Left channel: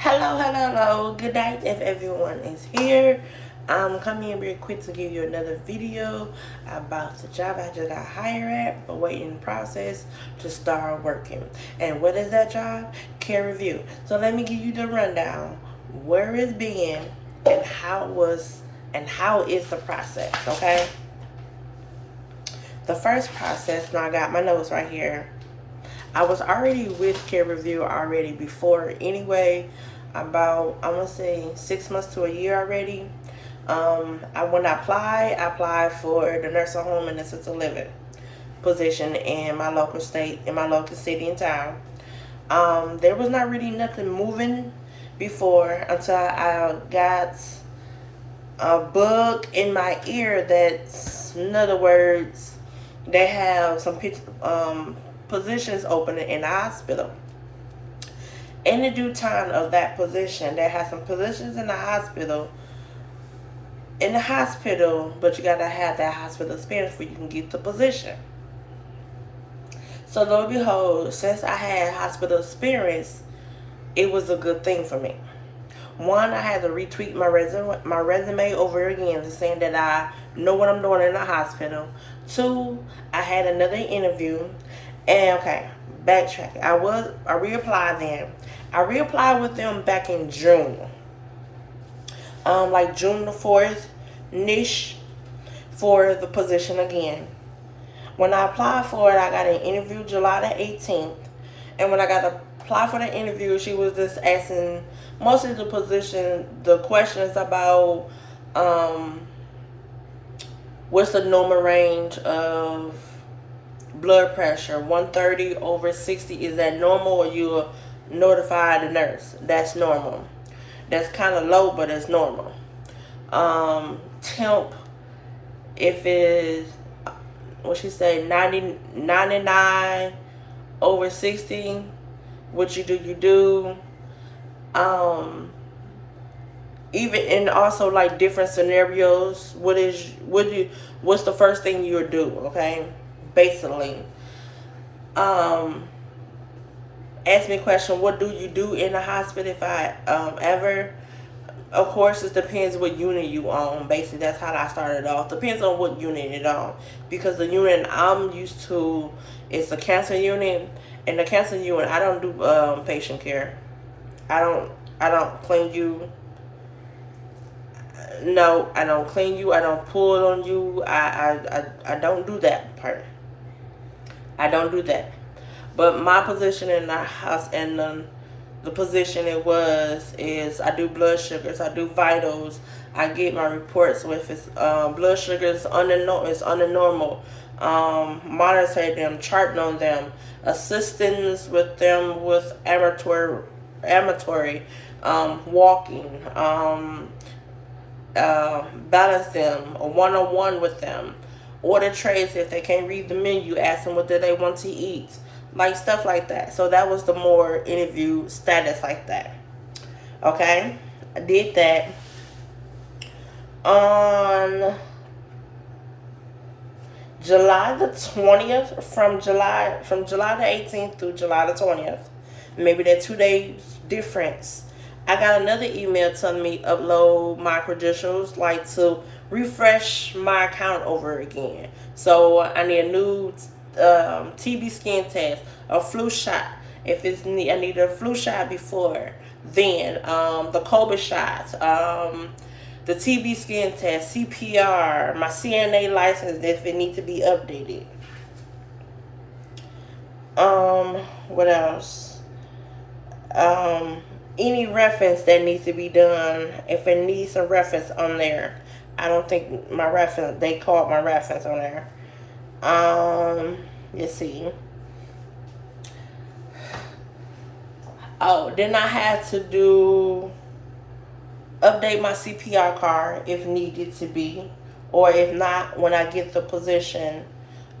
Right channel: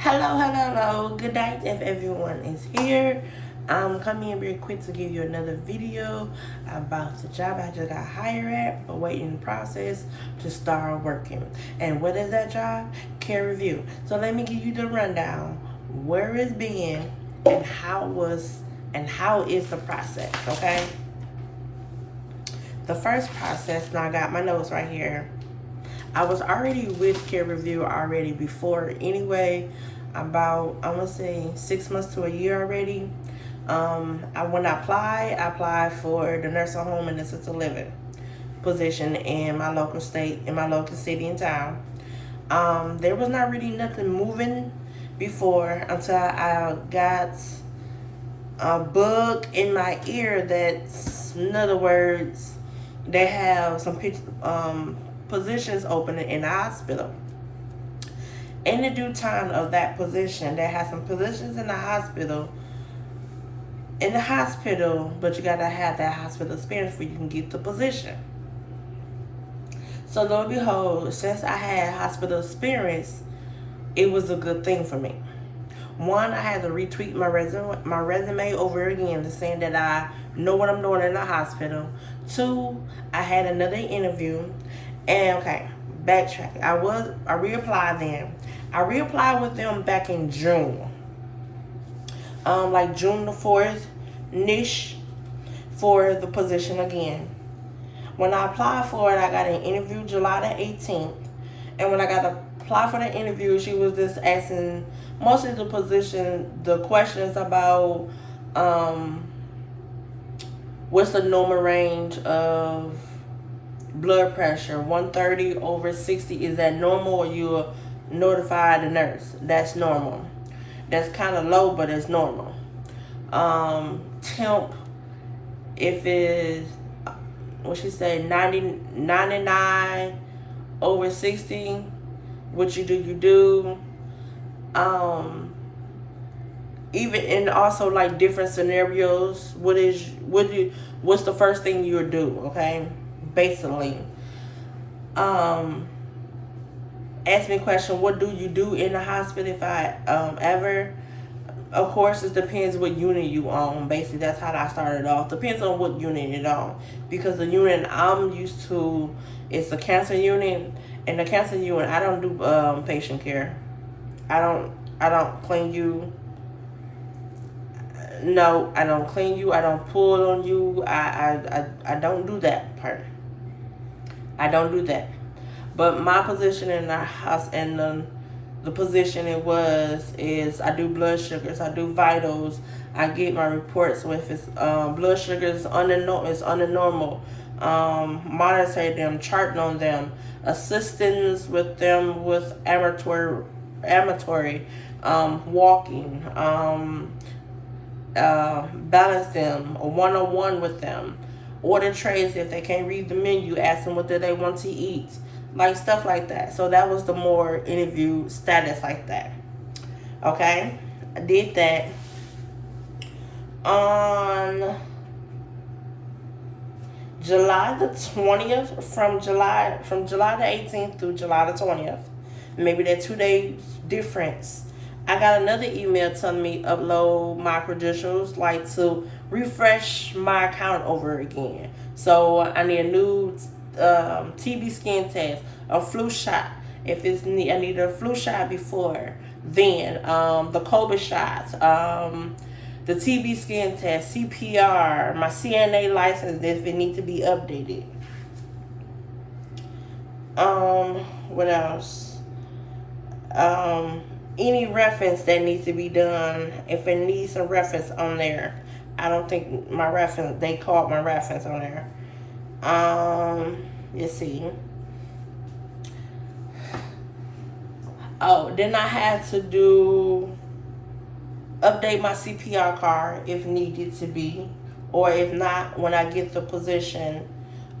Hello. Good night if everyone is here. I'm coming in real quick to give you another video about the job I just got hired at, but waiting in the process to start working. And what is that job? CareRev. So let me give you the rundown. Where it's been and how is the process, okay? The first process, and I got my notes right here. I was already with CareRev already before anyway, about I'm gonna say 6 months to a year already. When I applied for the nursing home and assisted living position in my local state, in my local city and town. There was not really nothing moving before until I got a bug in my ear that's, in other words, they have some positions open in the hospital. In the due time of that position, they have some positions in the hospital. But you gotta have that hospital experience before you can get the position. So lo and behold, since I had hospital experience, it was a good thing for me. One, I had to retweak my resume over again to saying that I know what I'm doing in the hospital. Two, I had another interview, and okay, backtrack. I reapplied then. I reapplied with them back in June, like June the 4th, niche, for the position again. When I applied for it, I got an interview July the 18th, and when I got to apply for the interview, she was just asking mostly the questions about what's the normal range of blood pressure. 130 over 60, is that normal, or you notify the nurse? That's normal. That's kind of low, but it's normal. Temp, if it's what she said, 99 over 60, what you do. Even in also like different scenarios, what's the first thing you'll do, okay? Basically. Ask me a question, what do you do in the hospital if I ever. Of course, it depends what unit you on. Basically, that's how I started off. Depends on what unit you're on. Because the unit I'm used to is the cancer unit. And the cancer unit, I don't do patient care. I don't clean you. No, I don't clean you. I don't pull on you. I don't do that part. I don't do that. But my position in the house and the position is I do blood sugars, I do vitals, I get my reports. So if it's blood sugars under normal, monitor them, charting on them, assistance with them with amatory walking, balance them, a one-on-one with them, order trays if they can't read the menu, ask them what do they want to eat, like stuff like that. So that was the more interview status like that. Okay, I did that on July the 20th, from July the 18th through July the 20th. Maybe that 2 days difference. I got another email telling me upload my credentials, like to refresh my account over again. So I need a new TB skin test, a flu shot. If it's I need a flu shot before then, the COVID shots, the TB skin test, CPR, my CNA license if it needs to be updated. What else? Any reference that needs to be done, if it needs a reference on there. I don't think my reference, they called my reference on there. Let's see. Oh, then I had to update my CPR card if needed to be, or if not, when I get the position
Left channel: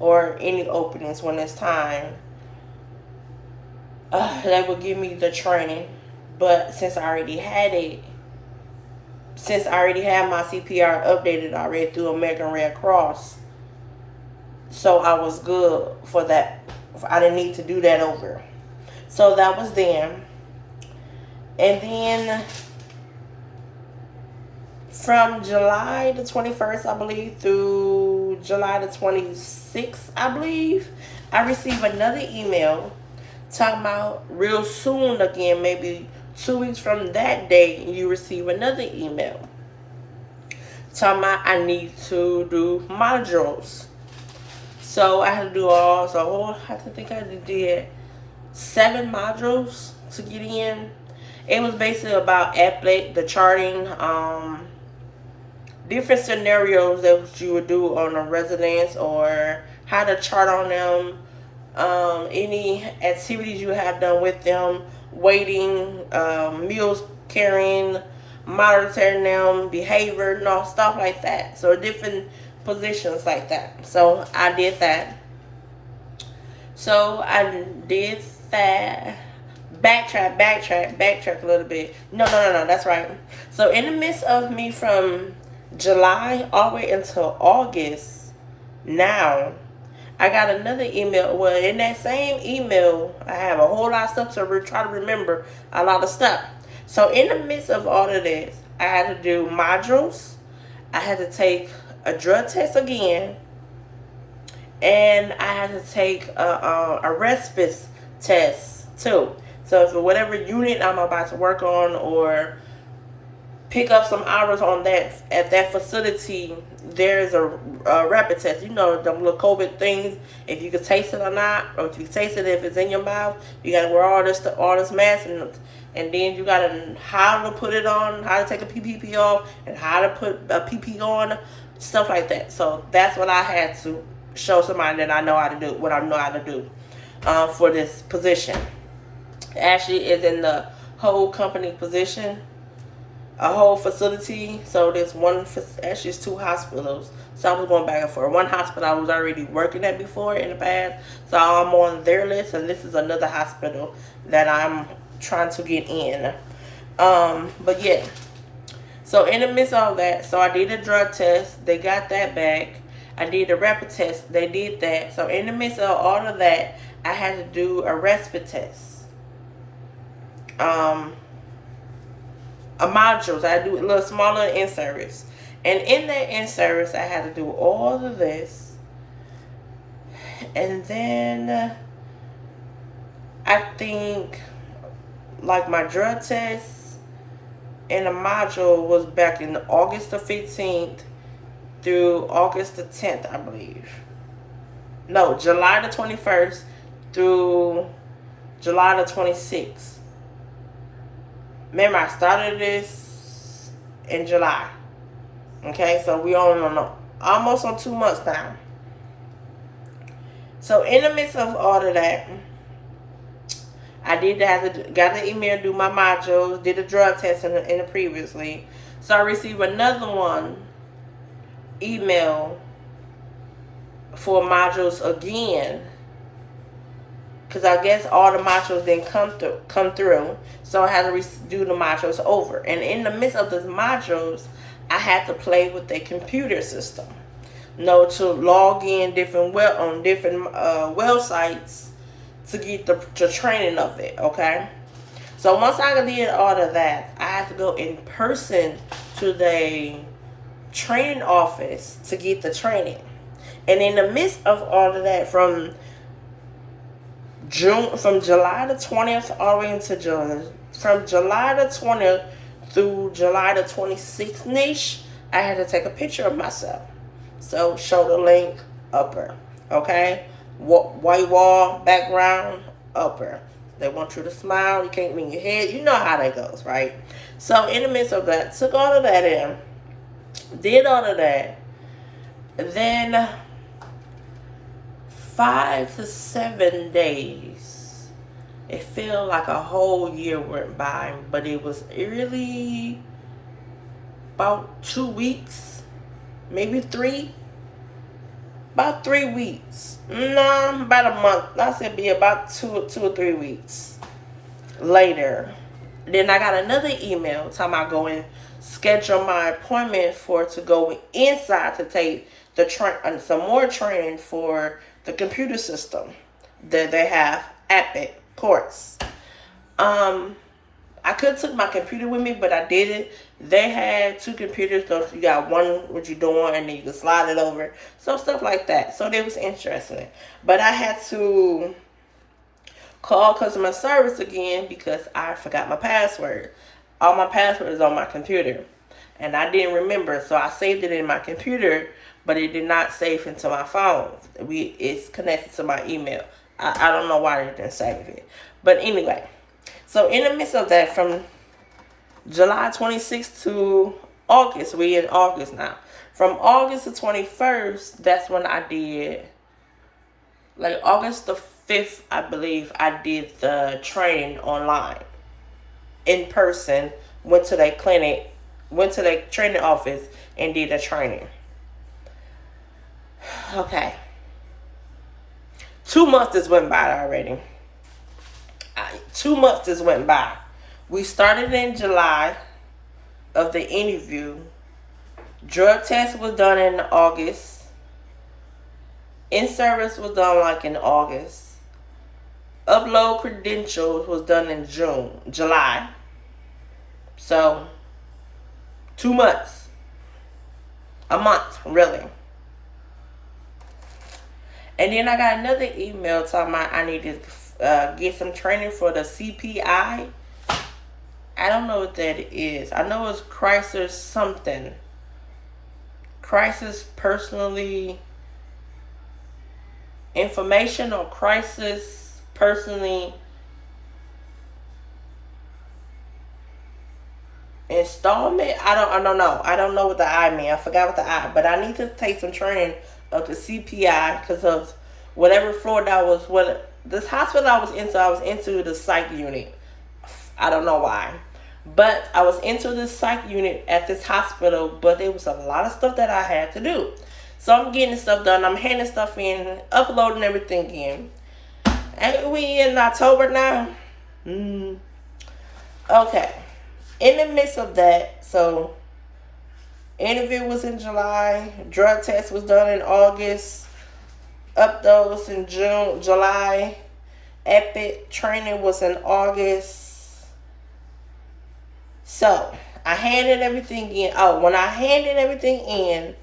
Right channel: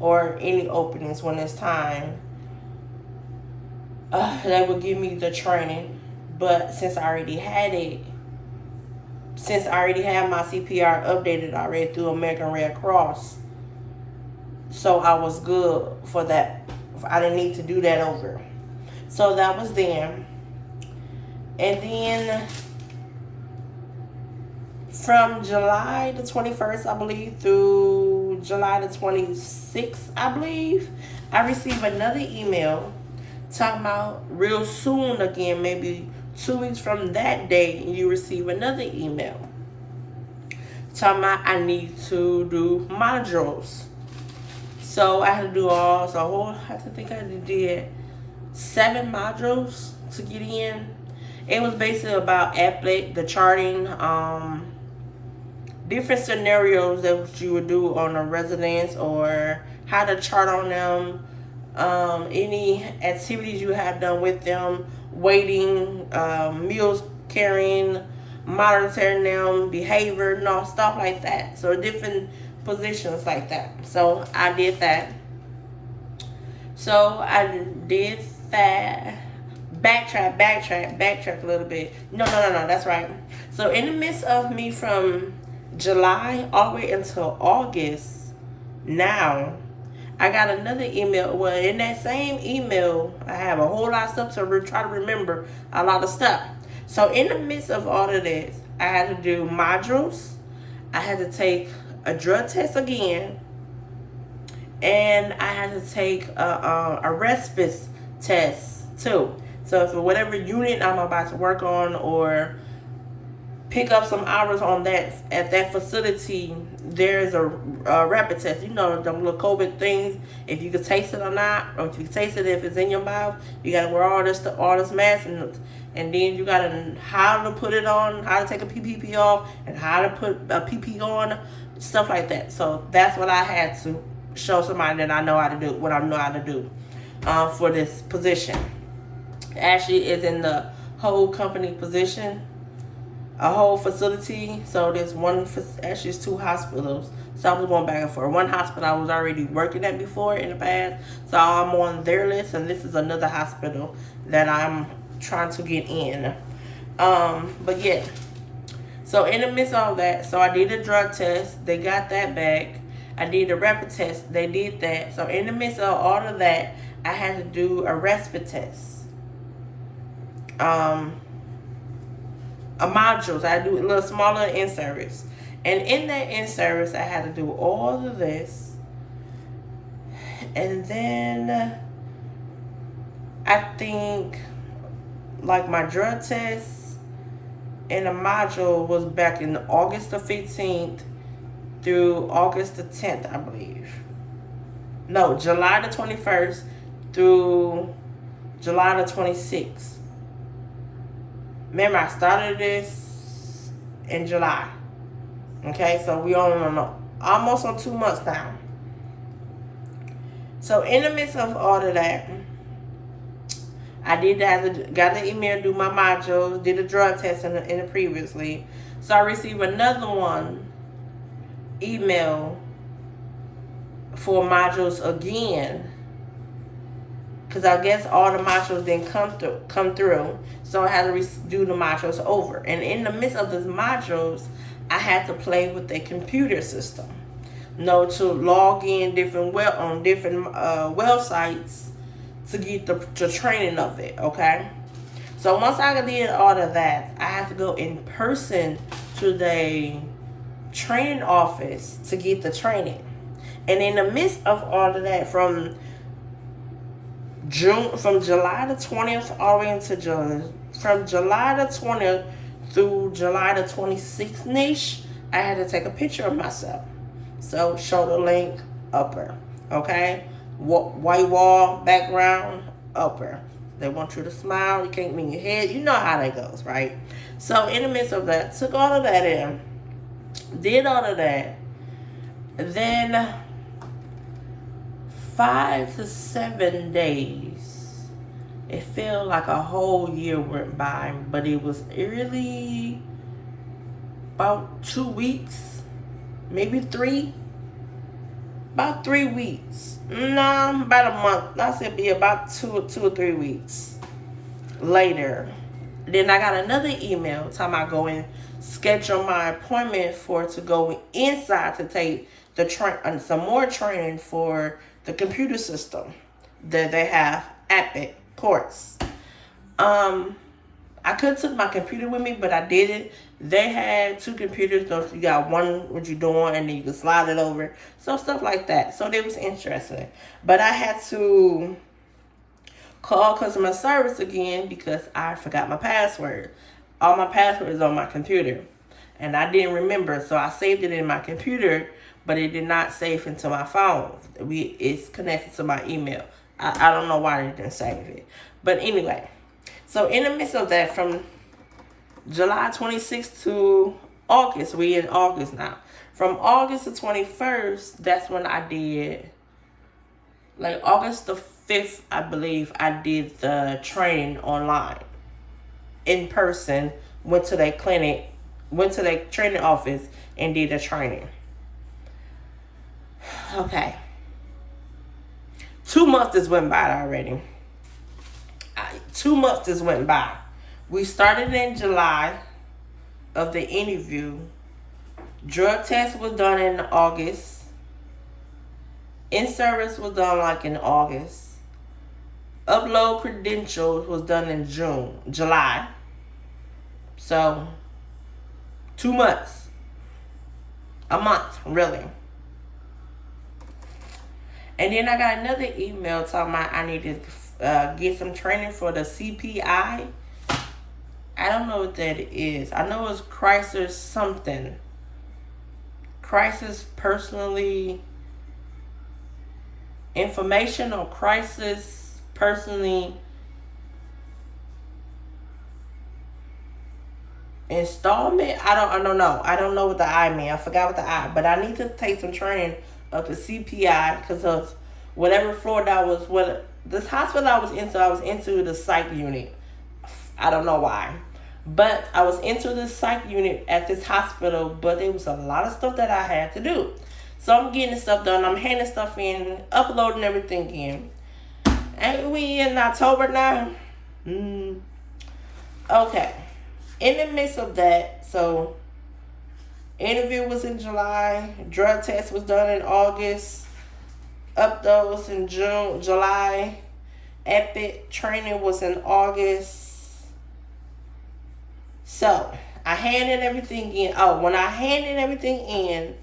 or any openings when it's time, they will give me the training. But since I already had my CPR updated already through American Red Cross, so I was good for that. I didn't need to do that over. So that was then. And then from July the 21st, I believe, through July the 26th, I believe, I received another email talking about real soon again, maybe 2 weeks from that day, you receive another email talking about I need to do modules. So I had to do I did 7 modules to get in. It was basically about epic, the charting, different scenarios that you would do on a residence or how to chart on them, any activities you have done with them, waiting, meals carrying, monitoring them, behavior, stuff like that. So different positions like that. So I did that. So I did that. Backtrack a little bit. No, that's right. So in the midst of me from July all the way until August, now I got another email. Well, in that same email, I have a whole lot of stuff to try to remember a lot of stuff. So in the midst of all of this, I had to do modules. I had to take a drug test again, and I had to take a respite test too. So for whatever unit I'm about to work on or pick up some hours on that at that facility, there's a rapid test. You know, them little COVID things. If you can taste it or not, or if you can taste it if it's in your mouth, you gotta wear all this mask, and then you gotta how to put it on, how to take a PPP off, and how to put a PP on, stuff like that. So that's what I had to show somebody that I know how to do, what I know how to do for this position. Actually, it's in the whole company position, a whole facility. So there's actually it's 2 hospitals. So I was going back and forth. One hospital I was already working at before in the past, so I'm on their list, and this is another hospital that I'm trying to get in. But yeah. So in the midst of all that, so I did a drug test. They got that back. I did a rapid test. They did that. So in the midst of all of that, I had to do a respite test. A modules. I do a little smaller in-service. And in that in-service, I had to do all of this. And then I think like my drug test and a module was back in August the 15th through August the 10th, I believe. No, July the 21st through July the 26th. Remember, I started this in July. Okay, so we on almost on 2 months now. So in the midst of all of that, I got the email, do my modules, did a drug test in the previously. So I received another email for modules again, because I guess all the modules didn't come through. So I had to do the modules over. And in the midst of the modules, I had to play with the computer system. To log in different websites to get the training of it, okay? So once I did all of that, I had to go in person to the training office to get the training. And in the midst of all of that, from July the 20th all the way into June, from July the 20th through July the 26th-ish, I had to take a picture of myself. So shoulder length, upper, okay? White wall, background, upper. They want you to smile. You can't move your head. You know how that goes, right? So in the midst of that, took all of that in, did all of that, then 5 to 7 days. It felt like a whole year went by, but it was really about 2 weeks, maybe 3. About 3 weeks. No, about a month. I said be about 2 or 3 weeks later. Then I got another email talking about going schedule my appointment to go inside to take some more training for the computer system that they have, Epic course. I I could have took my computer with me, but I didn't. They had 2 computers, so you got one what you're doing, and then you can slide it over. So stuff like that. So that was interesting. But I had to call customer service again because I forgot my password. All my passwords on my computer, and I didn't remember, so I saved it in my computer, but it did not save into my phone. It's connected to my email. I don't know why they didn't save it, but anyway. So in the midst of that, from July 26th to August, we in August now. From August the 21st, that's when I did, like August the 5th, I believe, I did the training online. In person, went to their clinic, went to their training office and did the training. Okay. 2 months just went by already. 2 months just went by. We started in July of the interview. Drug test was done in August. In-service was done like in August. Upload credentials was done in July. So, 2 months. A month, really. And then I got another email talking about I need to get some training for the CPI. I don't know what that is. I know it's crisis something. Crisis personally information or crisis personally installment. I don't know. I don't know what the I mean. I forgot what the I. But I need to take some training of the CPI because of whatever floor that was. What this hospital I was into the psych unit. I don't know why, but I was into this psych unit at this hospital. But there was a lot of stuff that I had to do. So I'm getting stuff done. I'm handing stuff in, uploading everything in. And we in October now. Okay. In the midst of that, so interview was in July, drug test was done in August, uploads in July, Epic training was in August. So I handed everything in. Oh, when I handed everything in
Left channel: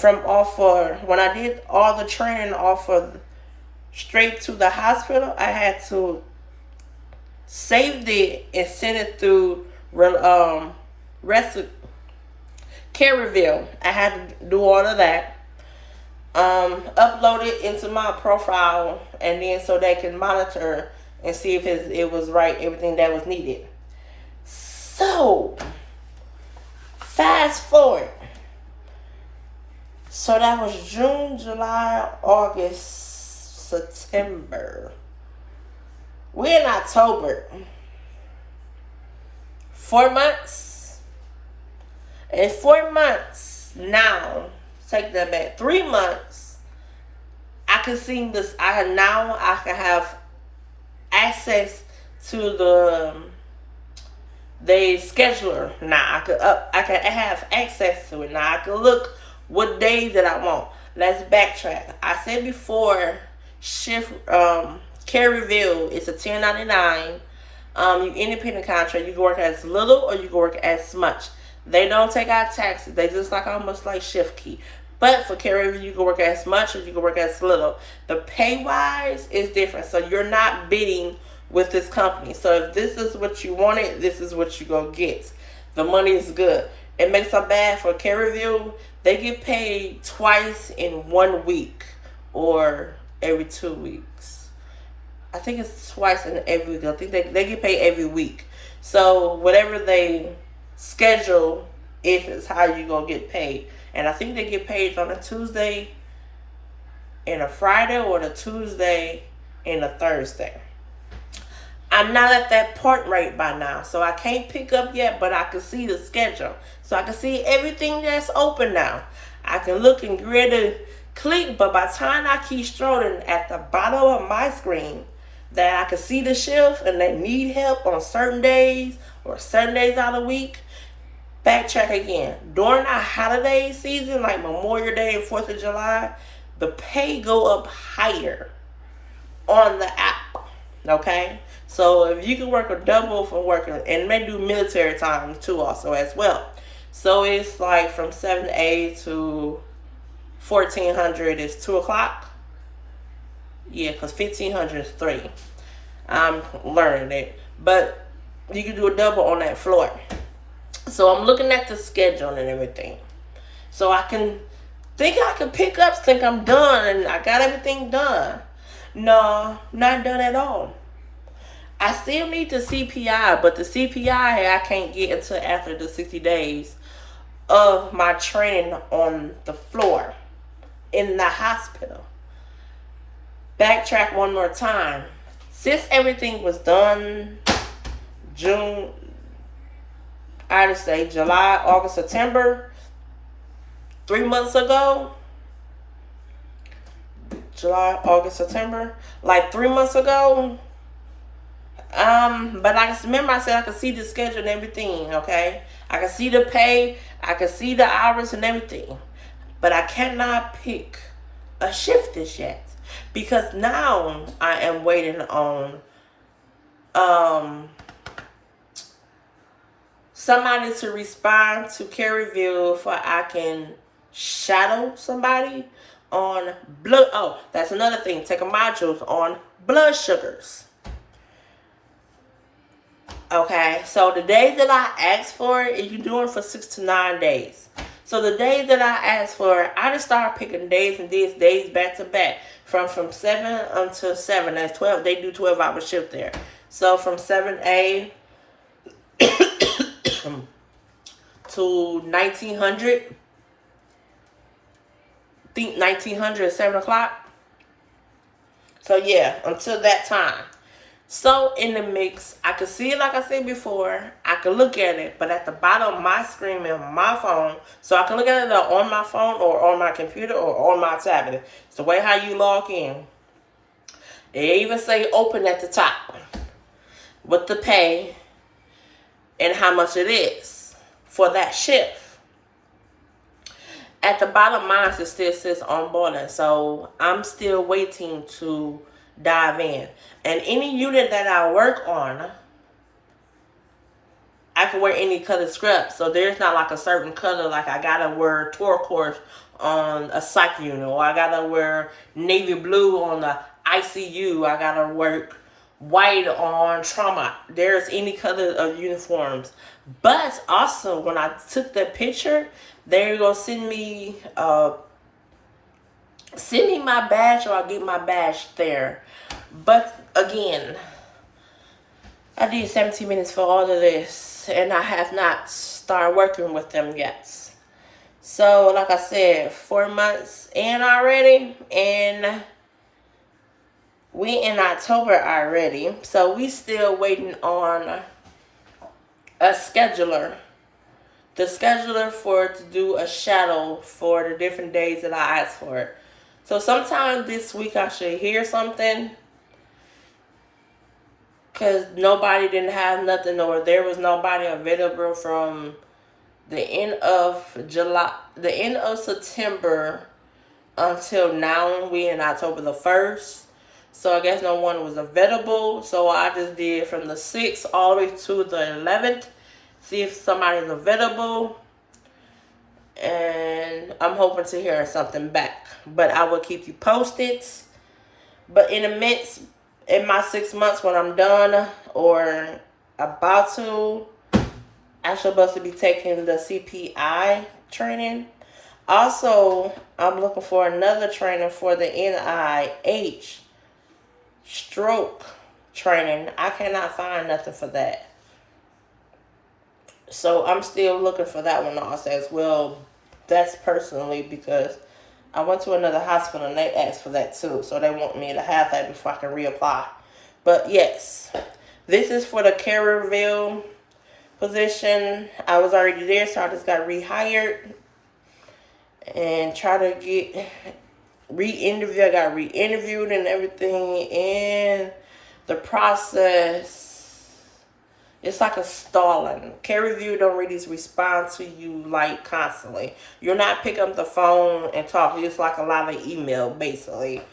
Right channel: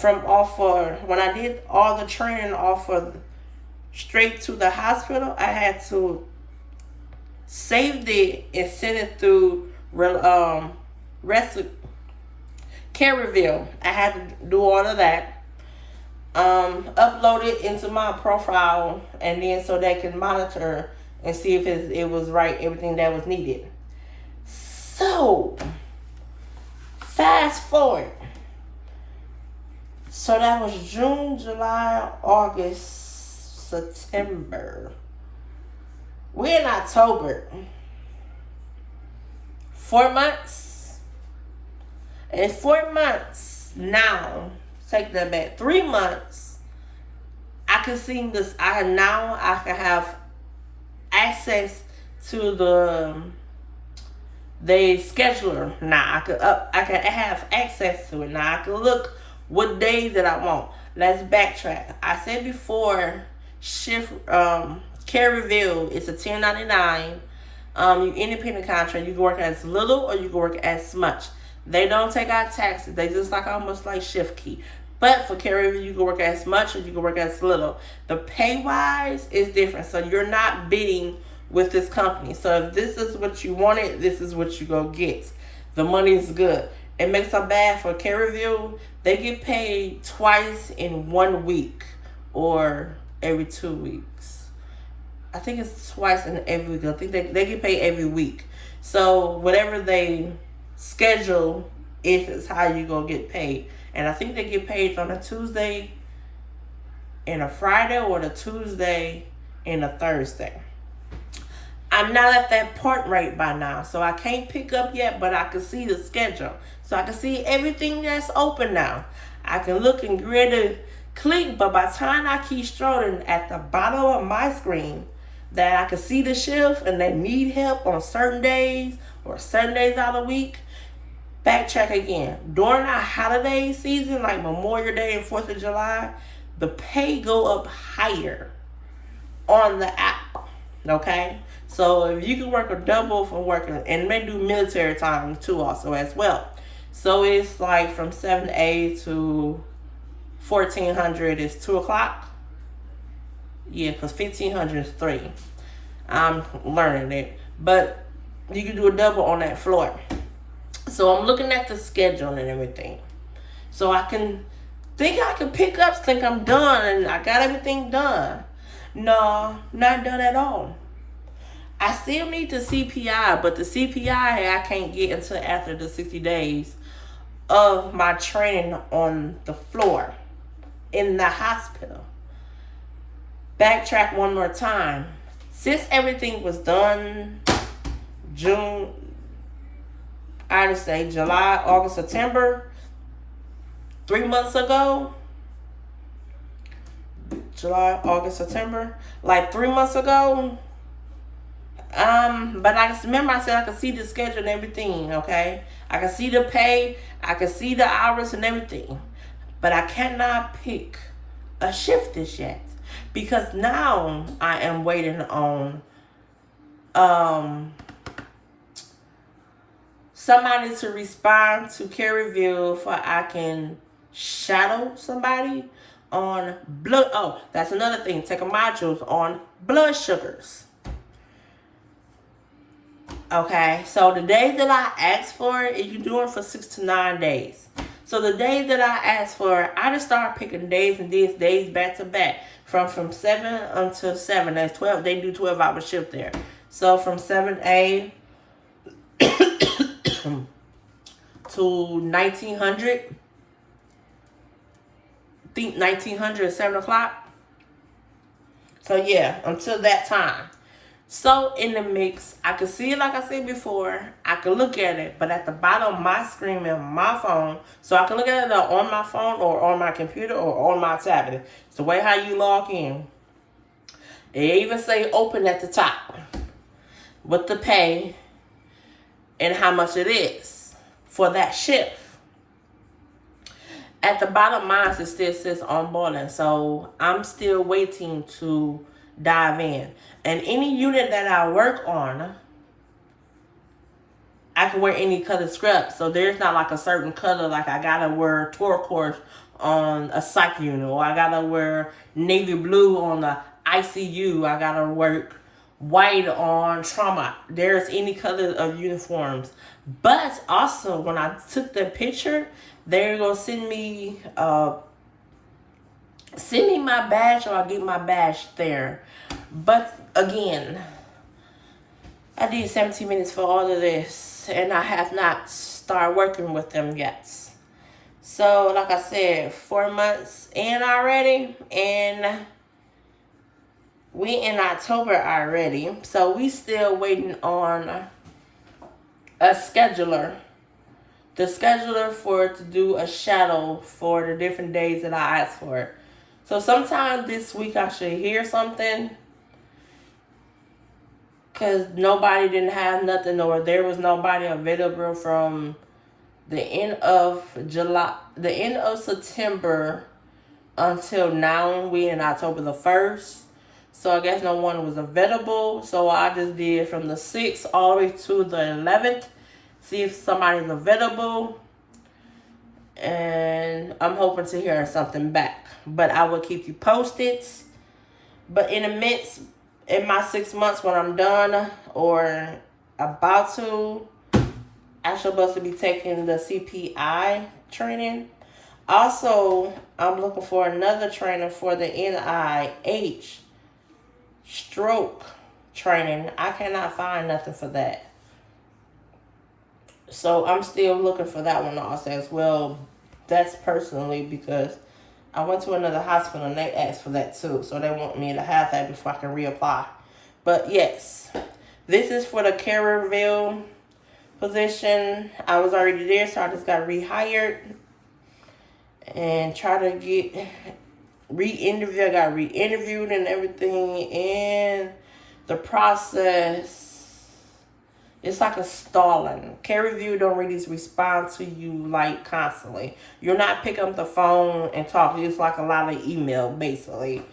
when I did all the training straight to the hospital, I had to save it and send it through CareRev. I had to do all of that. Upload it into my profile, and then so they can monitor and see if it was right, everything that was needed. So, fast forward. So that was June, July, August, September. We're in October. 4 months. And 4 months now, take that back. 3 months, I can see this. I can have access to the scheduler now. I can have access to it now. I can look what days that I want. Let's backtrack. I said before, shift CareRev, it's a $10.99. You independent contract. You can work as little or you can work as much. They don't take out taxes. They just almost like shift key. But for CareRev, you can work as much or you can work as little. The pay wise is different. So you're not bidding with this company. So if this is what you wanted, this is what you go get. The money is good. It makes them bad for CareRev. They get paid twice in 1 week or every 2 weeks. I think it's twice in every week. I think they get paid every week. So whatever they schedule is how you gonna get paid. And I think they get paid on a Tuesday and a Friday, or the Tuesday and a Thursday. I'm not at that part right by now, so I can't pick up yet, but I can see the schedule. So I can see everything that's open now. I can look and grid click, but by the time I keep strolling at the bottom of my screen, that I can see the shift and they need help on certain days or certain days out of the week, backtrack again. During our holiday season, like Memorial Day and 4th of July, the pay go up higher on the app. Okay? So if you can work a double for working, and they do military time too also as well. So it's like from 7 to 1400 is 2 o'clock. Yeah, because 1500 is 3. I'm learning it. But you can do a double on that floor. So I'm looking at the schedule and everything. So I can think I can pick up, think I'm done, and I got everything done. No, not done at all. I still need the CPI, but the CPI I can't get until after the 60 days of my training on the floor in the hospital. Backtrack one more time. Since everything was done, June, I'd say July, August, September, 3 months ago, July, August, September, like 3 months ago. But I remember I said I could see the schedule and everything, okay? I can see the pay, I can see the hours and everything. But I cannot pick a shift this yet. Because now I am waiting on somebody to respond to CareRev for I can shadow somebody on blood. Oh, that's another thing. Take a modules on blood sugars. Okay, so the days that I asked for, you do it for 6 to 9 days. So the days that I asked for, I just started picking days and days back to back. From 7 until 7. That's 12. They do 12-hour shift there. So from 7 to 1900. Think 1900 at 7 o'clock. So yeah, until that time. So in the mix, I could see it like I said before. I could look at it, but at the bottom of my screen on my phone, so I can look at it on my phone or on my computer or on my tablet. It's the way how you log in. They even say open at the top with the pay and how much it is for that shift. At the bottom, mine it still says onboarding, so I'm still waiting to dive in. And any unit that I work on, I can wear any color scrub. So there's not like a certain color, like I gotta wear turquoise on a psych unit, or I gotta wear navy blue on the ICU. I gotta work white on trauma. There's any color of uniforms. But also, when I took the picture, they're gonna send me my badge, or I'll get my badge there. But again, I did 17 minutes for all of this, and I have not started working with them yet. So, like I said, 4 months in already, and we in October already. So we still waiting on a scheduler. The scheduler for to do a shadow for the different days that I asked for it. So sometime this week I should hear something. Because nobody didn't have nothing, or there was nobody available from the end of September until now. We in October the 1st. So I guess no one was available. So I just did from the 6th all the way to the 11th. See if somebody's available. And I'm hoping to hear something back. But I will keep you posted. But in the midst, in my 6 months when I'm done or about to, I should supposed to be taking the CPI training. Also, I'm looking for another trainer for the NIH stroke training. I cannot find nothing for that. So I'm still looking for that one also as well. That's personally because I went to another hospital and they asked for that too. So they want me to have that before I can reapply. But yes, this is for the CareRev position. I was already there, so I just got rehired and try to get re-interviewed. I got re-interviewed and everything, and the process, it's like a stalling. CareRev don't really respond to you like constantly. You're not picking up the phone and talking. It's like a lot of email basically.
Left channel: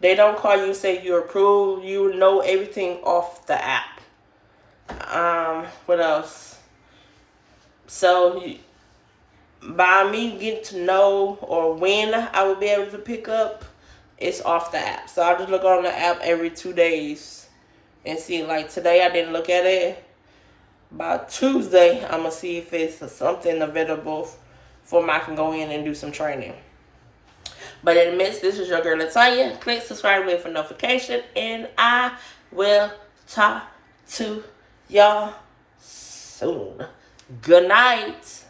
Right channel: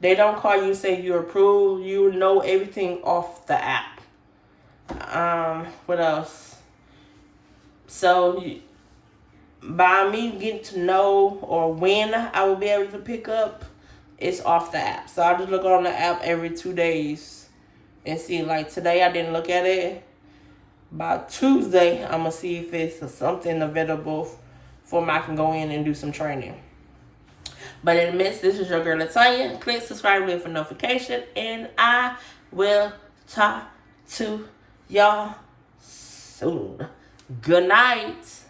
They don't call you, say you're approved. You know everything off the app. What else? So by me getting to know or when I will be able to pick up, it's off the app. So I'll just look on the app every 2 days and see. Like today, I didn't look at it. By Tuesday, I'm gonna see if it's something available for me. I can go in and do some training. But in the midst, this is your girl Latanya. Click subscribe button for notification, and I will talk to y'all soon. Good night.